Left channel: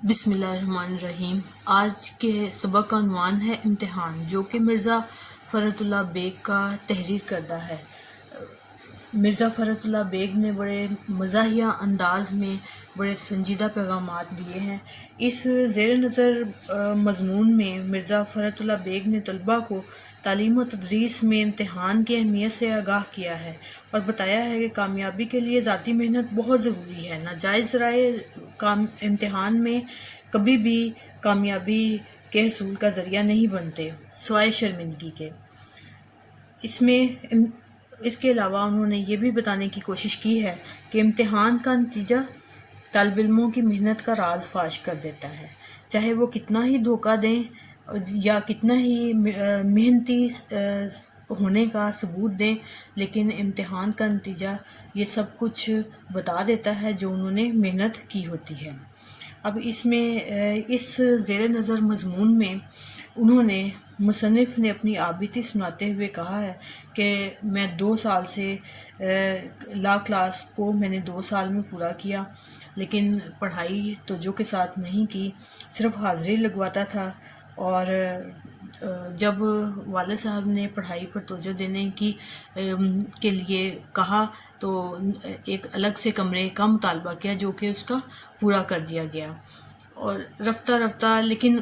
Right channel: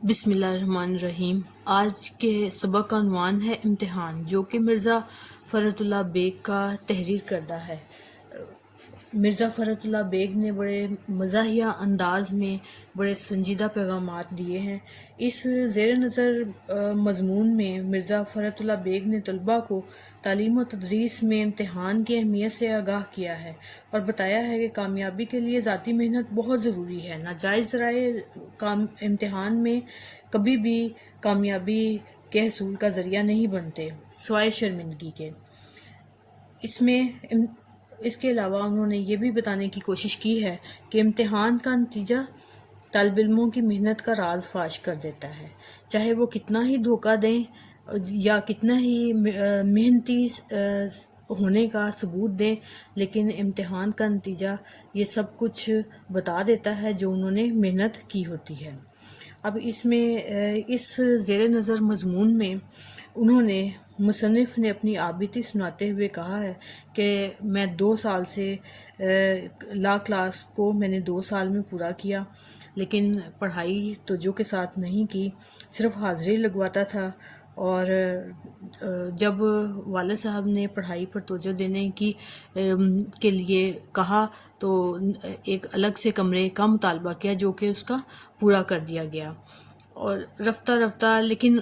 بسم اللہ الرحمن الرحیم۔ آج کے سبق کا عنوان ہے امتحان، جو کہ مرزا فرحت اللہ بیگ کا تحریر کردہ ہے۔ مرزا فرحت اللہ بیگ نے بڑے مزاحیہ انداز میں بڑے سنجیدہ پیغامات دیے ہیں۔ اس زیر نظر مضمون میں مرزا فرحت اللہ بیگ نے طلباء کو تعلیم و تدریس میں امتحان کی اہمیت سے آگاہ کیا ہے اور بتایا ہے کہ کامیابی کے لیے ذاتی محنت بہت ضروری ہے۔ ناجائز ذرائع امتحان میں کبھی بھی کامیابی کے حصول کا ذریعہ نہیں بنتے سوائے شرمندگی کے۔ اس کے علاوہ انہوں نے یہ بھی بتانے کی کوشش کی ہے کہ امتحان کا نتیجہ طالب علموں کی محنت کا راز فاش کر دیتا ہے، چاہے وہ کتنا ہی دھوکہ دیں یا کتنا ہی محنتی ہونے کا ثبوت دیں، لیکن امتحان کا نتیجہ یہ سب کچھ بتا دیتا ہے جو انہوں نے محنت کی ہوتی ہے۔ اب اس زیر نظر مضمون میں مصنف نے اپنی آبیتی سناتے ہوئے کہا ہے کہ میں 2 سال سے لا کلاس کو میں نے 2 سال میں پورا کیا، لیکن پڑھائی توجہ کے ساتھ نہیں کی، صرف حاضری لگواتا تھا۔ اور جب والد صاحب نے پڑھائی پر توجہ دینے کے لیے کہا تو ایک الگ سے کمرے کا مطالبہ کیا، جو کہ اس کا پورا کر دیا گیا۔ اور رفتہ رفتہ لیکن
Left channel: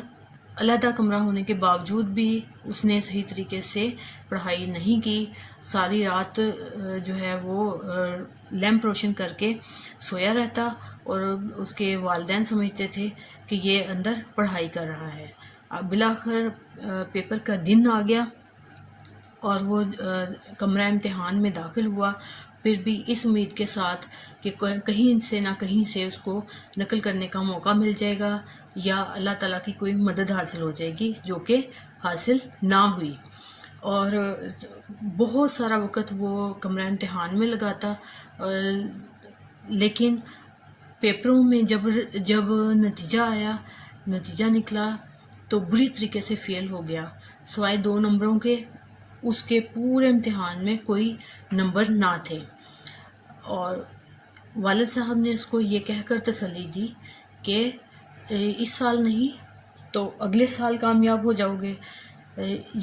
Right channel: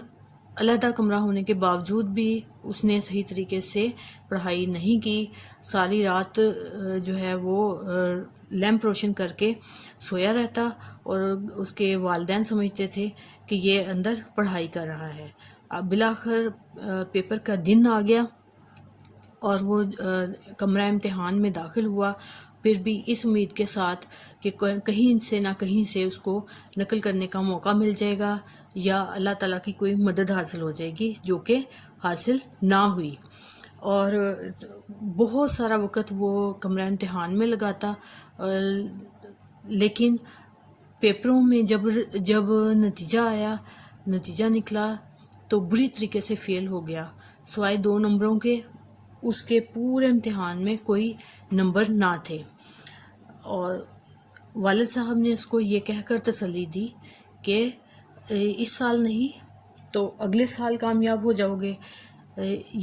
علیحدہ کمرہ ہونے کے باوجود بھی اس نے صحیح طریقے سے پڑھائی نہیں کی، ساری رات جو ہے وہ لیمپ روشن کر کے سویا رہتا، اور اس کے والدین سمجھتے تھے کہ یہ اندر پڑھائی کر رہا ہے۔ اب بالآخر پیپر کا دن آ گیا اور وہ کمرہ امتحان میں داخل ہوا، پھر بھی اس امید کے ساتھ کہ کہیں سے نہ کہیں سے اس کو نقل کرنے کا موقع مل جائے گا یا اللہ تعالیٰ کی کوئی مدد حاصل ہو جائے گی، جو کہ حاصل نہ ہوئی۔ اور بہت سارا وقت وہ کمرہ امتحان میں لگاتا، لیکن پیپروں میں جب نتیجہ نکلا تو بری طریقے سے فیل ہو گیا، سوائے 2 نمبروں کے اس کے پورے امتحان میں کوئی نمبر نہ تھے۔ اور والد صاحب نے اس کو یہ کہہ کر تسلی دی کہ اس سال نہیں تو اگلے سال کامیاب ہو جاؤ گے،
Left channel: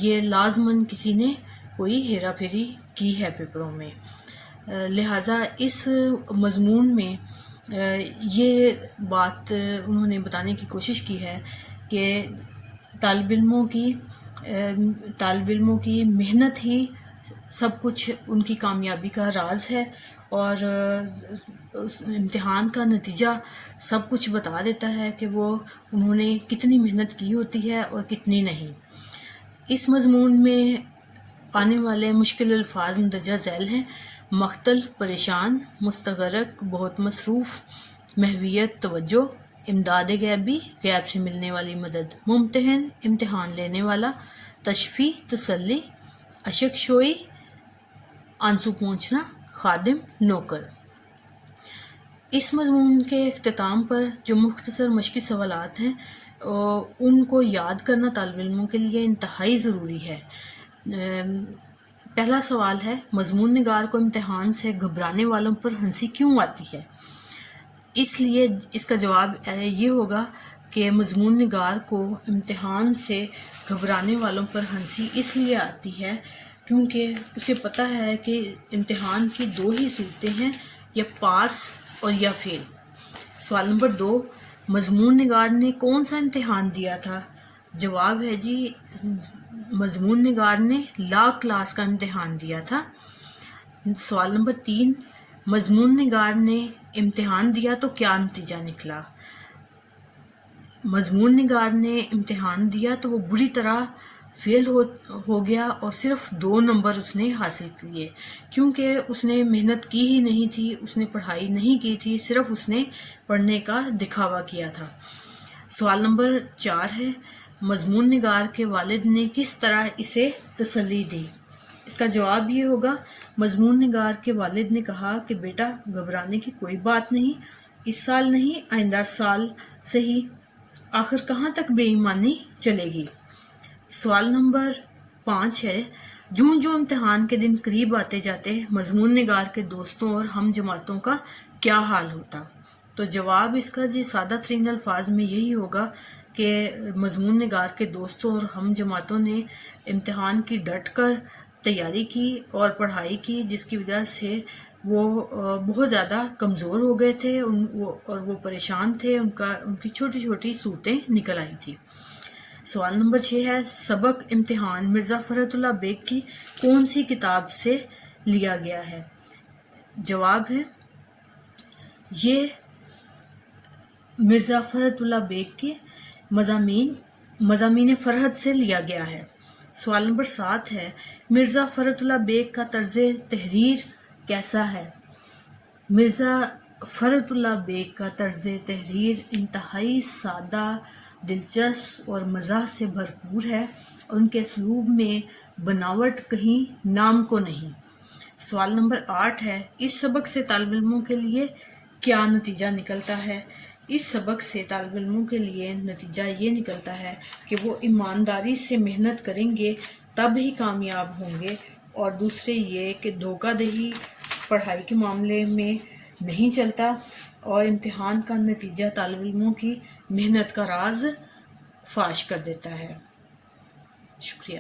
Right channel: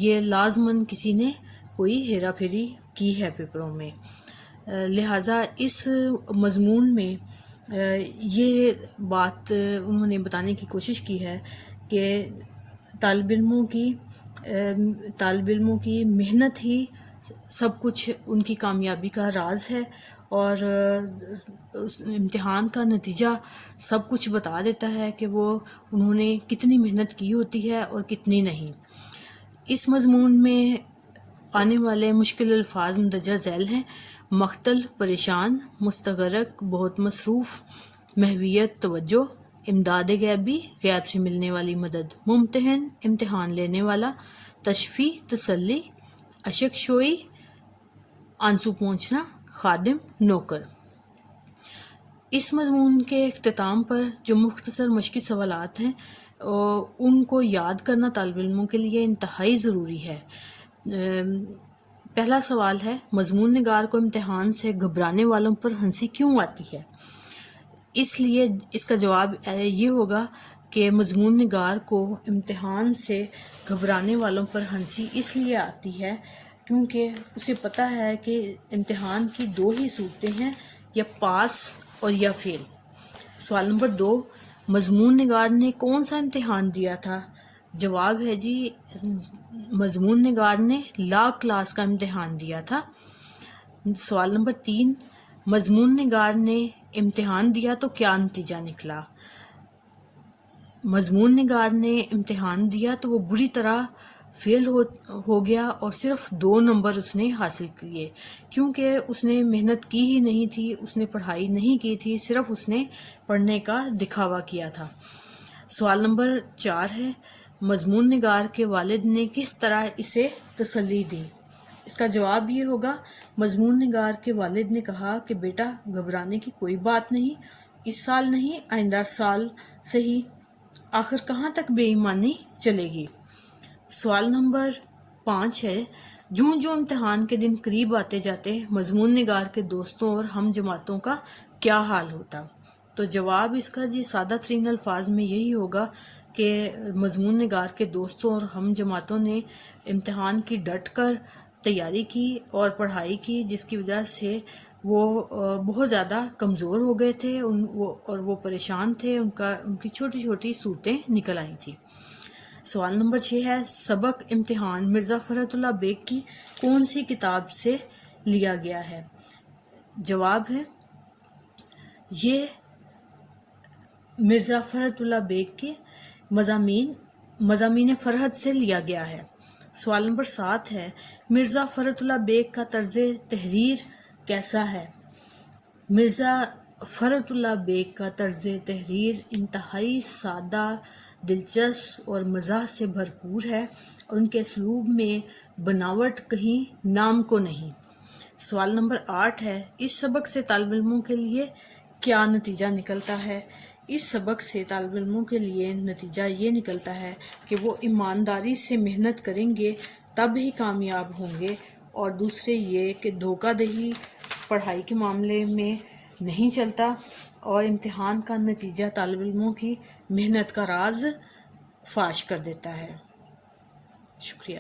یہ لازماً کسی نے کوئی ہیرا پھیری کی ہے پیپروں میں۔ لہٰذا اس مضمون میں یہ بات انہوں نے بتانے کی کوشش کی ہے کہ طالب علموں کی محنت ہی سب کچھ ان کی کامیابی کا راز ہے، اور امتحان کا نتیجہ سب کچھ بتا دیتا ہے کہ انہوں نے کتنی محنت کی ہوتی ہے اور کتنی نہیں۔ اس مضمون میں آنے والے مشکل الفاظ مندرجہ ذیل ہیں: مختل، پریشان، مستغرق، بہت مصروف، محویت، توجہ، امداد غیبی، غیب سے ملنے والی مدد، ممتحن، امتحان لینے والا، تشفی، تسلی، اشک شوئی، آنسو پہنچنا، خادم، نوکر۔ اس مضمون کے اختتام پر جو مختصر مشقی سوالات ہیں ان کو یاد کرنا طالب علموں کے لیے انتہائی ضروری ہے۔ پہلا سوال ہے: مضمون نگار کو امتحان سے گھبرانے والوں پر ہنسی کیوں آتی ہے؟ اس لیے اس کا جواب یہ ہوگا کہ مضمون نگار کو امتحان سے گھبرانے والوں پر ہنسی اس لیے آتی ہے کیونکہ اسے پتہ ہے کہ امتحان کی 2 ہی صورتیں ہیں، یا پاس اور یا فیل۔ سوال نمبر 2: مضمون نگار نے کون سا امتحان دیا تھا؟ جواب ہے جی، مضمون نگار نے لا کلاس کا امتحان دیا تھا۔ سوال نمبر 3: مضمون نگار نے امتحان دیا تو کیا نتیجہ نکلا؟ مضمون نگار نے امتحان دیا تو وہ بری طرح فیل ہو گیا اور صرف 2 نمبر اس نے حاصل کیے، کیونکہ اس نے محنت کی ہی نہیں تھی، اس نے پڑھائی نہیں کی تھی، صرف اس نے پڑھنے کا دکھاوا کیا تھا۔ سوال نمبر 4 ہے: مضمون نگار کے والد نے کس طرح اسے تسلی دی؟ اس کا جواب یہ ہوگا: مضمون نگار کے والد نے کہا کہ بیٹا، گھبرانے کی کوئی بات نہیں، اس سال نہیں آئندہ سال صحیح، آخر کہاں تک بے ایمانی چلے گی۔ سوال نمبر 5 ہے: جوں جوں امتحان کے دن قریب آتے جاتے مضمون نگار کے دوستوں اور ہم جماعتوں کا کیا حال ہوتا؟ تو تو جواب اس کا جی سادہ ترین الفاظ میں یہی ہوگا کہ مضمون نگار کے دوستوں اور ہم جماعتوں نے امتحان کی ڈٹ کر تیاری کی اور پڑھائی کی، جس کی وجہ سے وہ بہت زیادہ کمزور ہو گئے تھے اور وہ پریشان تھے، ان کی چھوٹی چھوٹی صورتیں نکل آئی تھی۔ سوال نمبر 6 ہے، سبق امتحان مرزا فرحت اللہ بیگ کی کون سی کتاب سے لیا گیا ہے؟ جواب ہے یہ مرزا فرحت اللہ بیگ کے مضامین فرحت سے لیا گیا ہے۔ سوال نمبر 7 ہے، مرزا فرحت اللہ بیگ کا طرز تحریر کیسا ہے؟ مرزا فرحت اللہ بیگ کا طرز تحریر انتہائی سادہ، دلچسپ اور مزاح سے بھرپور ہے، اور ان کے اسلوب میں بناوٹ کہیں نام کو نہیں۔ سوال نمبر 8 ہے، اس سبق سے طالب علموں کے لیے کیا نتیجہ نکلتا ہے؟ اس سبق سے طالب علموں کے لیے نتیجہ یہ نکلتا ہے کہ وہ ایمانداری سے محنت کریں گے تب ہی کامیاب ہوں گے، اور دوسرے یہ کہ دھوکہ دہی پڑھائی کے معاملے میں نہیں چلتا، اور امتحان کا نتیجہ طالب علموں کی محنت کا راز فاش کر دیتا ہے۔ شکریہ۔